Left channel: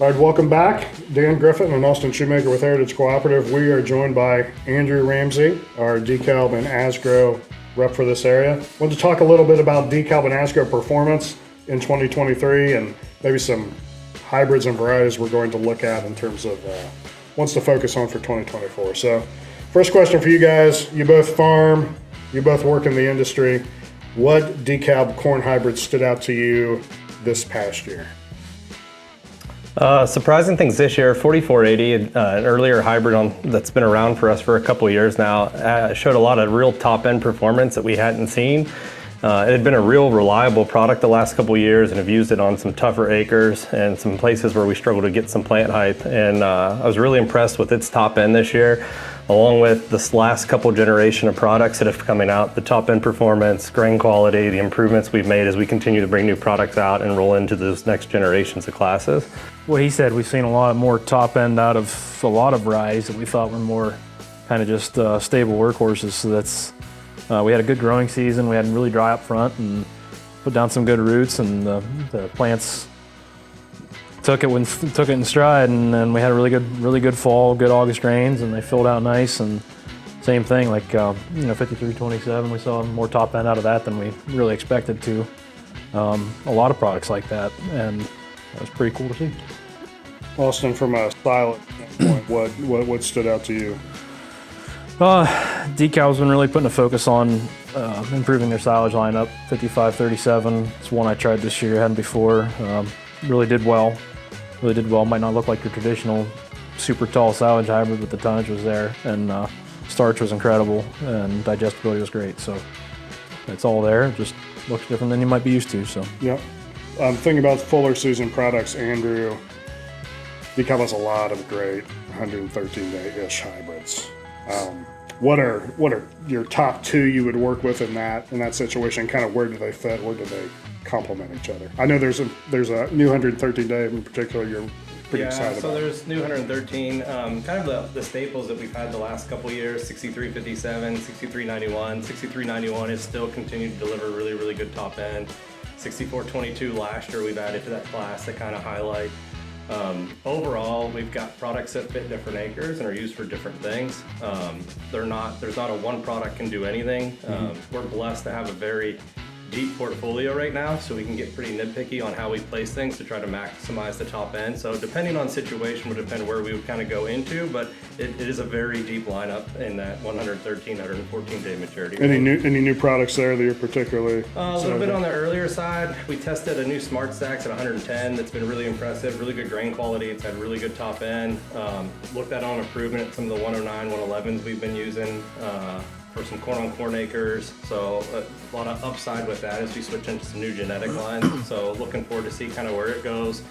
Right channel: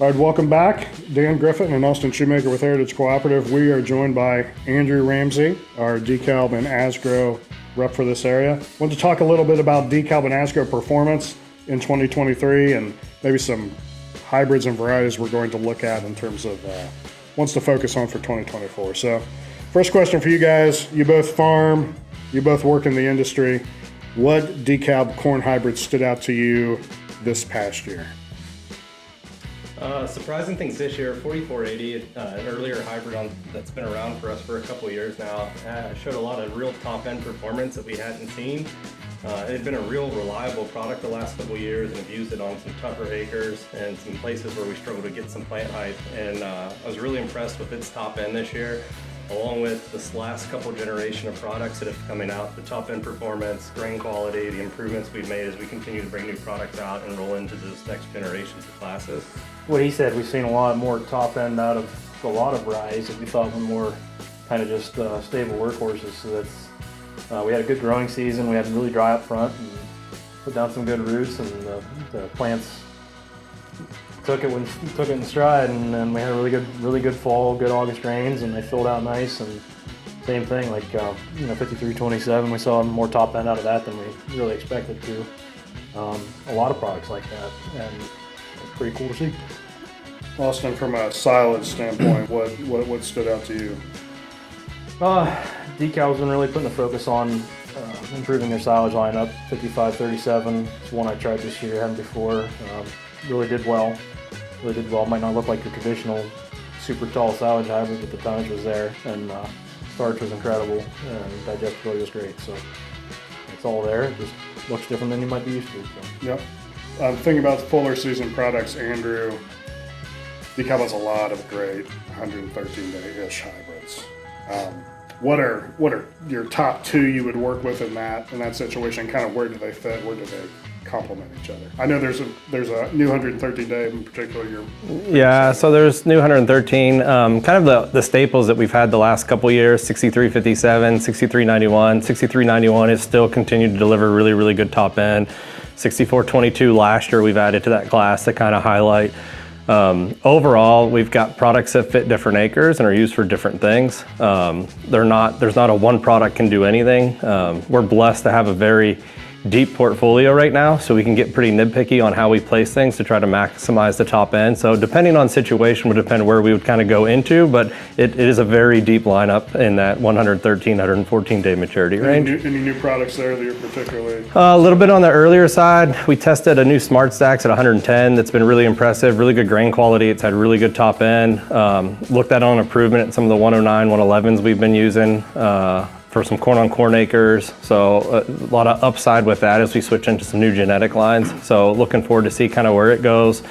All right, welcome back. Dan Griffin and Austin Shoemaker with Heritage Cooperative. We are joined by Andrew Ramsey, our DEKALB and Asgrow rep for this area. I want to talk a little bit about DEKALB and Asgrow performance in 2023 and maybe some hybrids and varieties we're going to look at in terms of what's to focus on for 2024. So first question for you guys. You both farm, you both work in the industry. What DEKALB corn hybrids stood out to you this past year? Surprising things this year, 4480, an earlier hybrid that's been around for us for a couple years now, showed a lot of real top-end performance that we hadn't seen. It had been a real reliable product the last couple years and have used it on some tougher acres and some places where we struggled to get some plant height. And I was really impressed with its top end this year, along with this last couple generation of products that have coming out, the top end performance, grain quality, the improvements we've made as we continue to bring new products out and roll into those next generations of classes. What he said, we've seen a lot more top end out of a lot of varieties that we thought were more kind of just stable workhorses. So that's, we had a good growing season. We had really dry up front and put down some good roots, and the plants took it in stride, and then we had a really good fall, good August rains, and they filled out nice. And same thing, like 5327, we saw more top end out of that than we really expected to. A lot of products like that, and that was pretty cool to see. Austin, from a silage standpoint, what stood out to you? DEKALB's been really putting a focus on improving their silage lineup. 5537, it's one I tried this year, hadn't before. Really did well. Might not look like your traditional super tall silage hybrid, but the tonnage was there, and starch was incredible, and digestibility was great. So it's all there. It just looks different than you might be used to. So. Yep. Thinking about fuller season products, Andrew, DEKALB has a lot of great 113-day-ish hybrids. What are your top two you would work with in that situation? Kind of where do they fit? Where do they complement each other? I know there's a new 113-day in particular. So there's new 113. Kind of the staples that we've had the last couple years: 6357, 6391. 6391 has still continued to deliver really good top end. 6422 last year we've added to that class to kind of highlight. Overall, we've got products that fit different acres and are used for different things. There's not a one product can do anything. We're blessed to have a very deep portfolio right now, so we can get pretty nitpicky on how we place things to try to maximize the top end. So depending on situation would depend where we would kind of go into, but it is a very deep lineup in that 113, 114-day maturity range. Any new products there that you're particularly? A little bit on the earlier side. We tested a new Smart Stacks at 110 that's been really impressive, really good grain quality. It's had really good top end. Looked at on improvement at some of the 109, 111s we've been using. For some corn on corn acres, so a lot of upside with that as we switch into some new genetic lines. So looking forward to see kind of where it goes,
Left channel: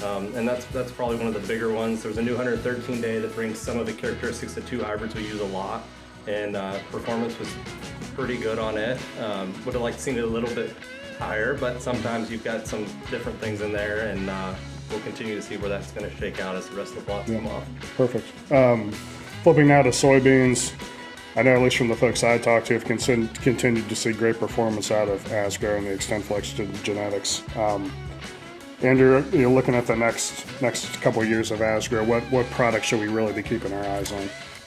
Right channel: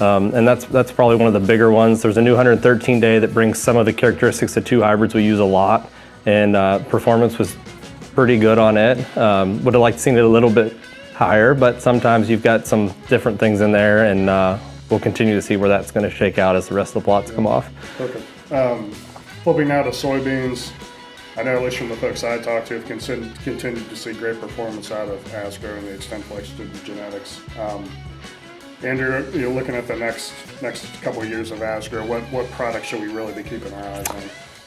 and that's probably one of the bigger ones. There's a new 113-day that brings some of the characteristics of two hybrids we use a lot, and performance was pretty good on it. Would have liked to seen it a little bit higher, but sometimes you've got some different things in there, and we'll continue to see where that's going to shake out as the rest of the plots come off. Perfect. Flipping now to soybeans. I know, at least from the folks I talked to, have continued to see great performance out of Asgrow and the XtendFlex genetics. Andrew, you're looking at the next couple of years of Asgrow. What products should we really be keeping our eyes on?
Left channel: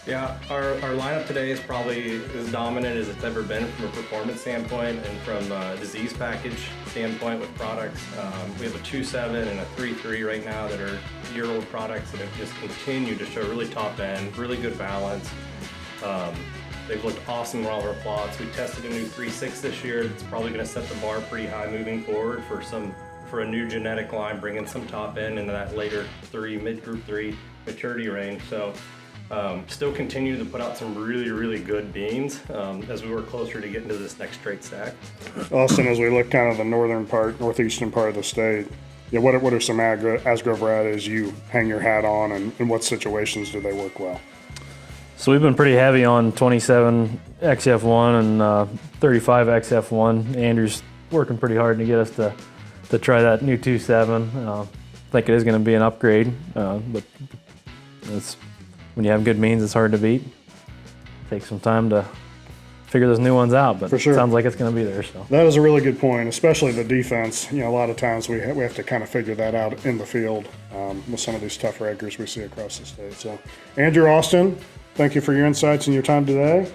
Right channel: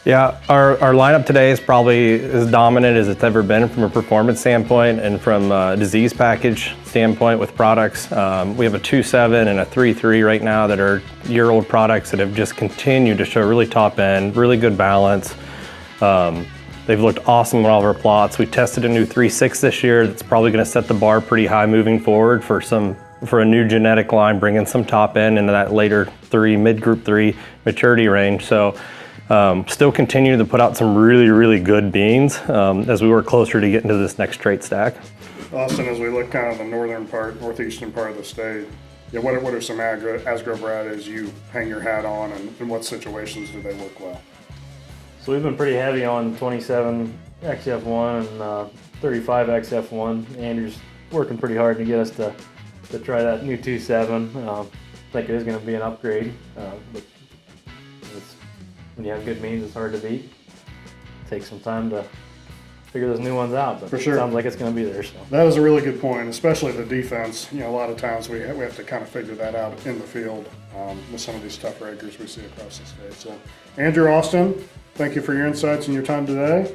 Yeah, our lineup today is probably as dominant as it's ever been from a performance standpoint and from a disease package standpoint with products. We have a 2.7 and a 3.3 right now that are year-old products that have just continued to show really top end, really good balance. They've looked awesome on all of our plots. We tested a new 3.6 this year that's probably going to set the bar pretty high moving forward for a new genetic line, bringing some top end into that later mid-group 3 maturity range. So still continuing to put out some really good beans as we work closer to getting to this next trait stack. Austin, as we look kind of the northeastern part of the state, what are some Asgrow varieties you hang your hat on, and in what situations do they work well? So we've been pretty heavy on 27 XF1 and 35 XF1. Andrew's working pretty hard to get us to try that new 2.7. I think it is going to be an upgrade, but when you have good beans, it's hard to beat. Take some time to figure those new ones out. But For sure. it sounds like it's going to be there. So. That is a really good point, especially the defense. You know, a lot of times we have to kind of figure that out in the field with some of these tougher acres we see across the state. So, Andrew, Austin, thank you for your insights and your time today.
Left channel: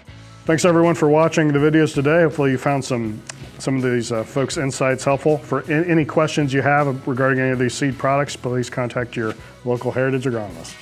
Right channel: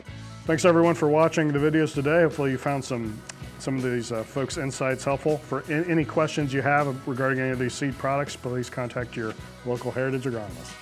Thanks everyone for watching the videos today. Hopefully you found some of these folks' insights helpful. For any questions you have regarding any of these seed products, please contact your local heritage agronomist.